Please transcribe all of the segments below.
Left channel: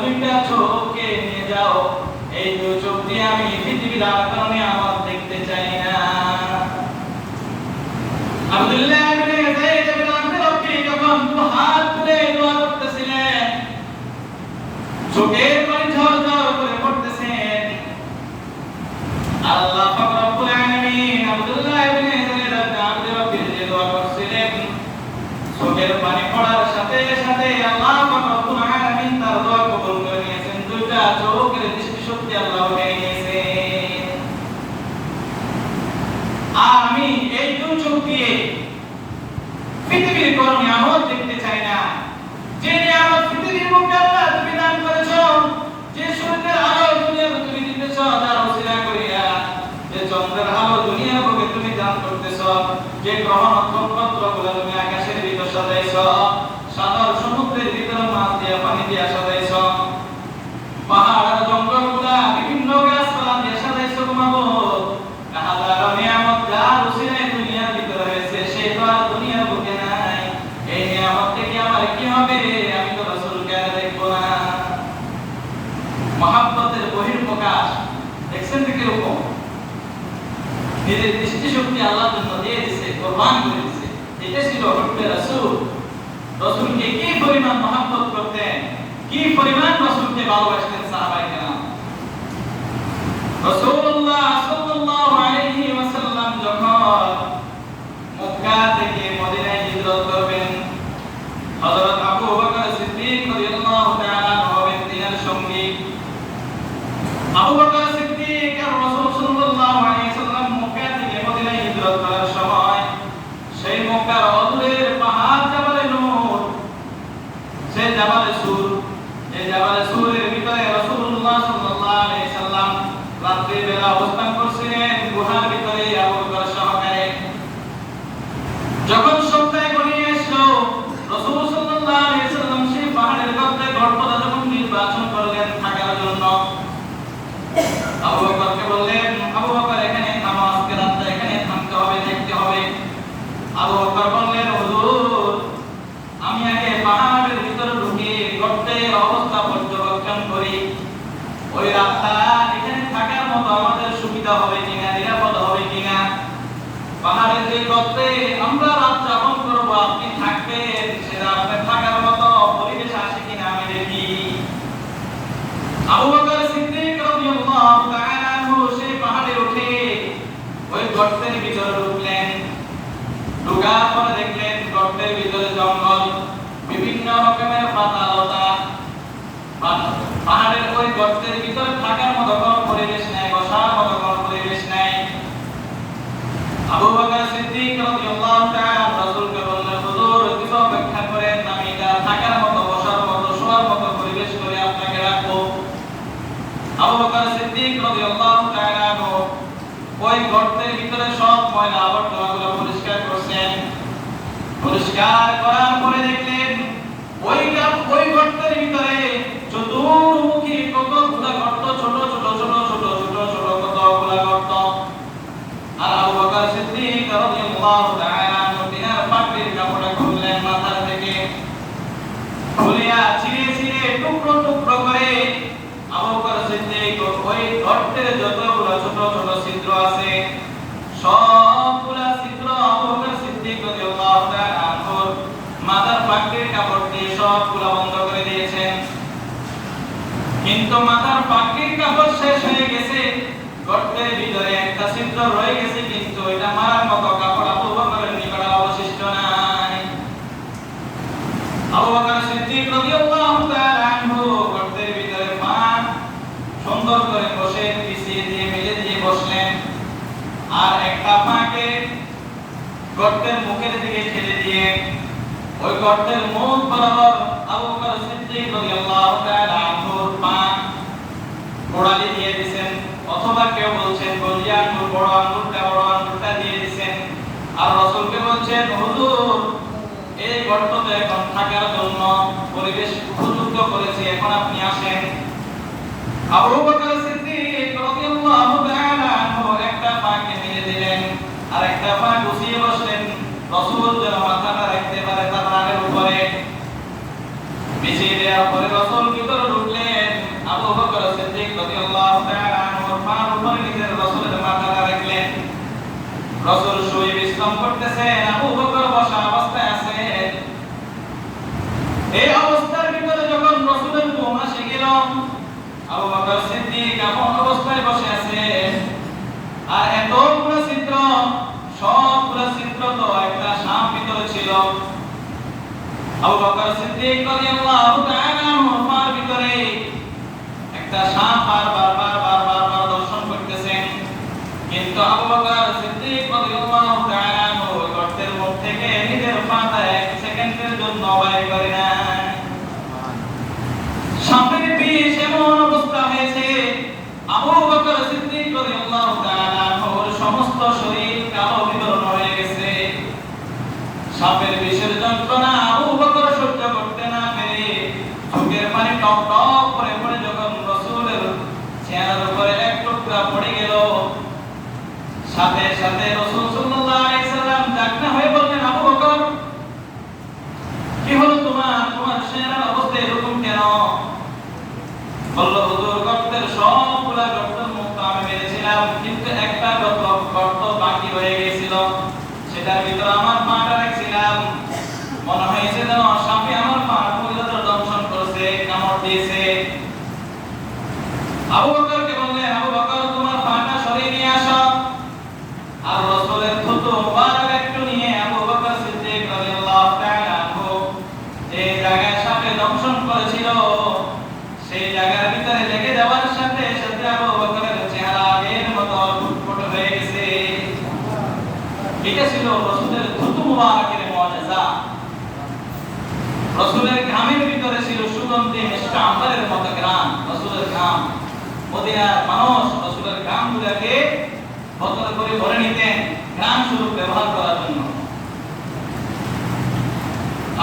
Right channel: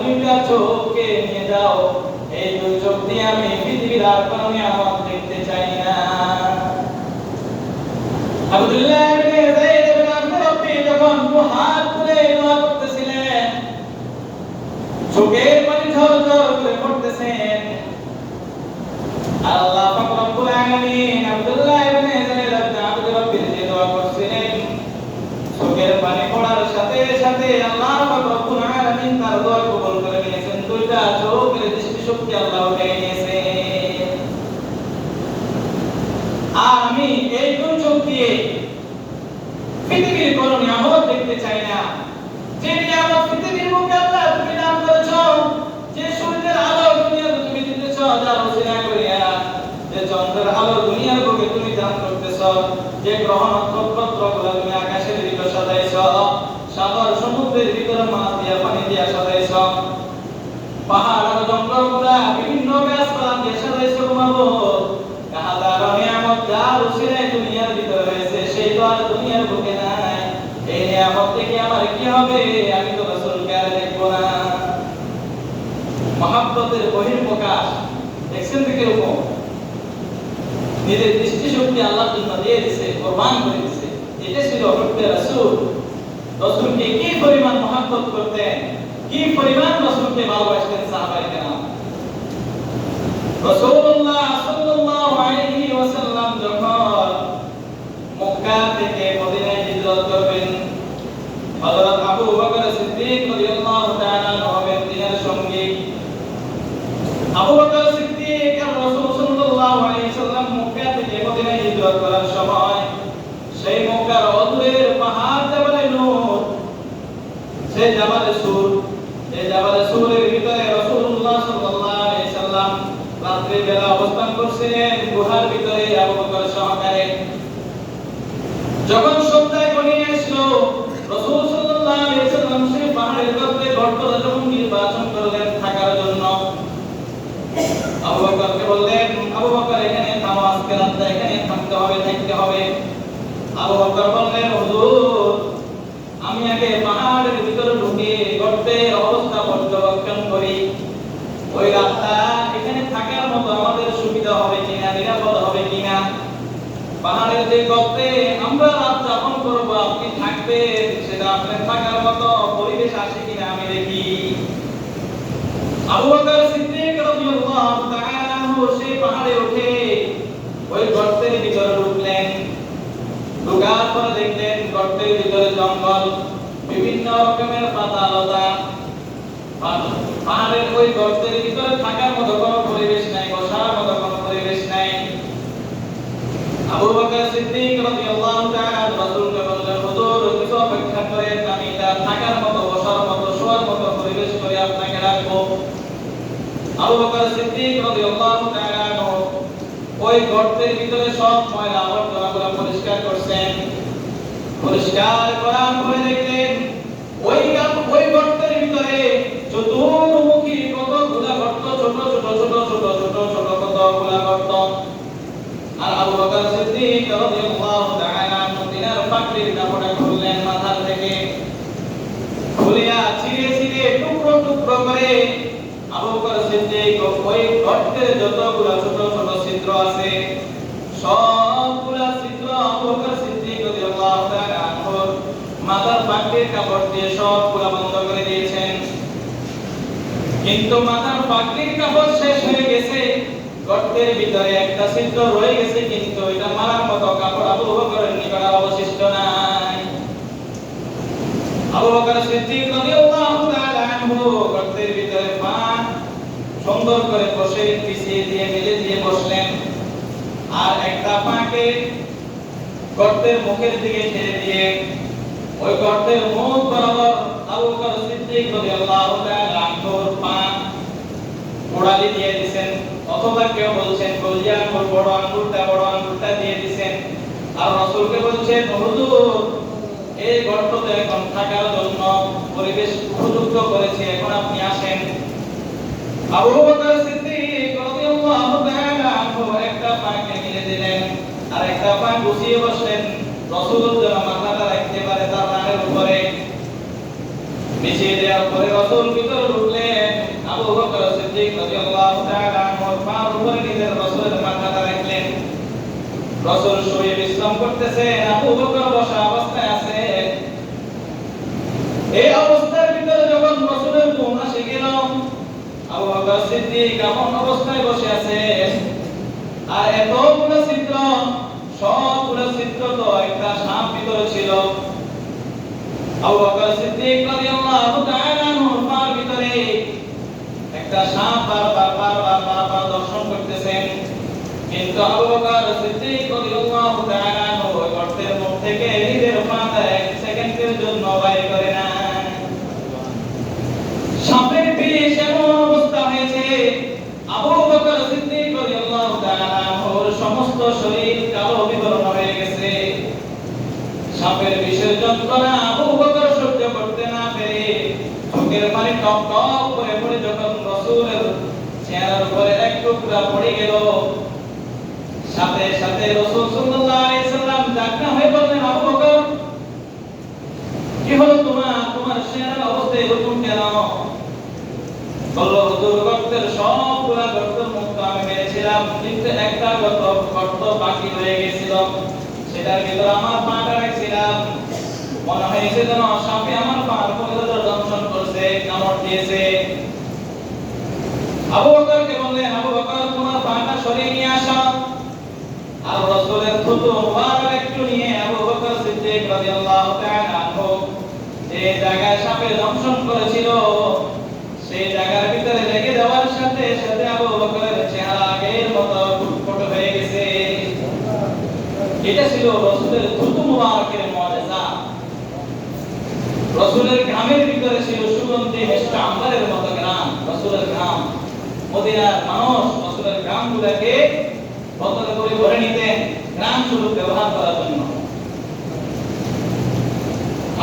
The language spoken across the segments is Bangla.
দুইটা চোখকে নিয়ে যাও। এই দুই চোখ দিয়ে আমি পৃথিবীর আর কোনো দেখতে চাই না। আব্দুল্লাহ ইবনে যায়েদ ইবনে আব্দুল রব্বি যখন দুহাত তুলে দোয়া করতেছিলেন, চোখের পানি ঝরঝর করে পড়তেছেন। আল্লাহ পাক রব্বুল আলামিন আব্দুল্লাহ ইবনে যায়েদ ইবনে আব্দুল রব্বি যে দোয়া করছিলেন, চোখের শক্তি আল্লাহ আমি এই চোখ দিয়ে পৃথিবীর কোনো নিয়ামত দেখতে চাই না। যে নিয়ামত পৃথিবীর মধ্যে আল্লাহ তুমি দান করেছ, যে সূর্যের আলো দুনিয়াকে তুমি করিয়া দান করতেছ, যে গ্রহ নক্ষত্রগুলো তুমি আকাশের ভিতর সাজাইছ সমুদ্রের ভিতর মাছ দিয়া পানি দিয়া সাজাইছ পাহাড় আর জঙ্গলগুলা বিভিন্ন গাছপালা দিয়ে সাজাইছ মাবুদ হাজারো নিয়ামত যার উসিলায় দুনিয়ার ভিতরে রয়েছে সেই তো আর দুনিয়ার বুকে নাই এই নিয়ামত থেকে আমার কি হবে আমি তো রাসূলকে দেখব না। মহাব্বতের বহির্প্রকাশ দেখছেন তো কীরকম নিজের দৃষ্টি শক্তি আল্লাহর জন্য দিয়ে দিছে, কোরবান করে দিছে। এটা ছিল রূপে রাসূল। রাসূলকে কি পরিমাণ মহাব্বত করতেন? কি পরিমাণ রাসূলকে ভালোবাসতেন সাহাবায়ে কেরাম? রাসূলুল্লাহ সাল্লাল্লাহু আলাইহি ওয়াসাল্লাম যখন মক্কা থেকে মদিনায় হিজরত করবেন হযরত আবু বকর সিদ্দিক রাদিয়াল্লাহু তাআলা হবেন তিনার সঙ্গী আবু বকর সিদ্দিক আর রাসূল সাল্লাল্লাহু আলাইহি ওয়াসাল্লাম মক্কা থেকে মদিনায় হিজরত করার সময় সেই মক্কার অদূরের পাহাড় জাবালে নূর সেই জাবালে সুর এই জাবালে সুরের ভিতরে রাসূলুল্লাহ সাল্লাল্লাহু আলাইহি ওয়াসাল্লাম রাত্রি বেলা অবস্থান করছিলেন গুহার ভিতরে আবু বকর সহকারে যখন সন্ধ্যায় ঘনিয়ে আসলো রাসূল সাল্লাল্লাহু আলাইহি ওয়াসাল্লাম সেই পাহাড়ের গর্তে গর্ত যখন নির্বাচন করলেন থাকার জন্য আবু আপনি থাকবেন থাকার মতো পরিবেশ আসে কিনা আমি দেখি। আবু বকর সিদ্দিক রাদিয়াল্লাহু তাআলা আনহু সেই পাহাড়ে উঠে ওই গর্তের ভিতরে ঢুকলেন ঢোকার পরে দেখলেন গর্তের ভিতরে জঙ্গল বিভিন্ন রকমের পাতা লতা পাহাড়ের ওই গর্তের ভিতরে থাকার মতো কোনো পরিবেশ নেই বসার মতো কোনো পরিবেশ নেই আবু বকর সিদ্দিক রাদিয়াল্লাহু তাআলা রাসূলকে বললেন হুজুর কিছু অপেক্ষা করেন আমি এটা থাকার মতো বসার মতো শোয়ার মতো পরিবেশ করে আপনাকে রাখব আবু বকর সিদ্দিক রাদিয়াল্লাহু তাআলা ওই গর্তের ভিতরে সব ময়লা আবর্জনাগুলো পরিষ্কার করছেন পরিষ্কার করার পরে দেখলেন ওই ওই গর্তের ভিতরে চতুর্মুখী কতগুলা গর্ত ছোট ছোট ছোট ছোট ছোট ছোট কতগুলা গর্ত আর আবু বকর সিদ্দিক বন্ধ করে দিয়েছেন। কিন্তু মাথার পাগড়ির কাপড় শেষ হয়ে গেছে, গর্তের ভিতরে একটা ছিদ্র রয়ে গেছে, কিন্তু এটা মারার মতো কাপড় আবু বকরের নিকট আর অবশিষ্ট নাই আবু বকর সিদ্দিক রাদিয়াল্লাহু তাআলা আনহু গর্তের ভিতরে পা সুন্দর করে বসে পিছিয়ে দিয়ে মেলে দিয়ে বসলেন আর গর্তের মুখের দিকে ঠেলে দিয়ে, ওই গর্তের মুখ বরাবর আবু বকর সিদ্দিক রাদিয়াল্লাহু তাআলা আনহুর পা গোড়ালি দিয়ে দিবেন অথবা কেউ বলছেন গলিয়া আঙ্গুর, বড় আঙ্গুরটা বড় আঙ্গুরটা দিয়ে দিবেন আর রাসূলকে বলছেন, হুজুর, এই গর্ততে এখন থাকার জন্য পরিবেশ উপযুক্ত করেছি, এখন আপনি আসেন। আবু বকর সিদ্দিক আর পা গুছিয়ে বসলেন রসুল মাথাটা রাখতে পারে, তার নামের উপরে। বিছিয়ে দেওয়ার পরে রসুল ভিতরে ঢুকলেন আবু বকর সিদ্দিক রাদিয়াল্লাহু তাআলা আমার পা উপরে নিজের রসুলের মাথাটা রাখলেন রসুল শুয়ে বিশ্রাম করতেছেন আবু বকর বসা অবস্থায় আছে। এই অবস্থার ভিতরে যখন রসুলের ঘুম আসে গেল, আবু বকর সিদ্দিক এমন অবস্থায় বসে আবু বকর সিদ্দিক রাদিয়াল্লাহু তাআলা মুফার ভিতরে একটা সাপ বারবার টুকরা পড়ে গেল। সাথে সাথে রাসূল সাল্লাল্লাহু আলাইহি সাল্লাম ডাকনা হয়ে বললেন, আবু বকর, কি হলো তোমার? তোমার সেনার অবস্থা এরকম কেন? বলল হুজুর গর্তের সবগুলা গর্তের মুক্ত আমি মেরেছিলাম, কিন্তু একটা গর্ত গর্ত বাকি হয়ে গেছিল সেটার ভিতরে আমার পাটা রাখছিলাম। মনে হয়েছে যেন সাপে আমার পা মহিলাদের দংশন করছে, কামড় দিয়েছে। আবু বকরকে মদিনা করে ধরে নিতেন গ্রাম ব্যবহার করার জন্য।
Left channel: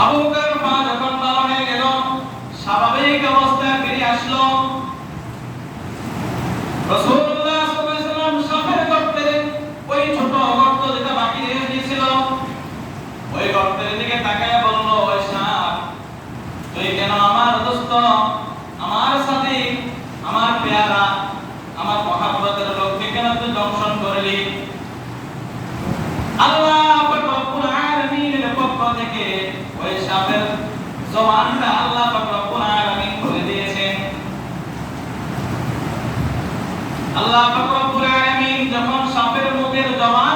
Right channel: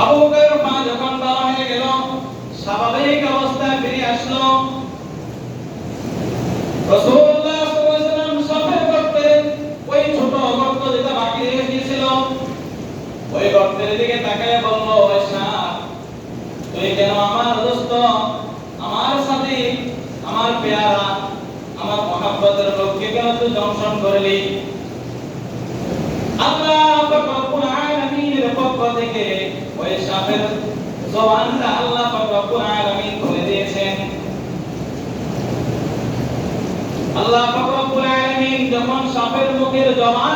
আবু মা যখন বাবা হয়ে স্বাভাবিক অবস্থায় ফিরে আসলো। রসুল লঙ্ঘন করলে। আল্লাহ রব্বুল আলামিনের পক্ষ থেকে ওই সাপের জবানটা আল্লাহ রব্বুল আলামিন বলে দিয়েছেন। আল্লাহ রব্বুল আলামিন যখন সাপের মুখের জবান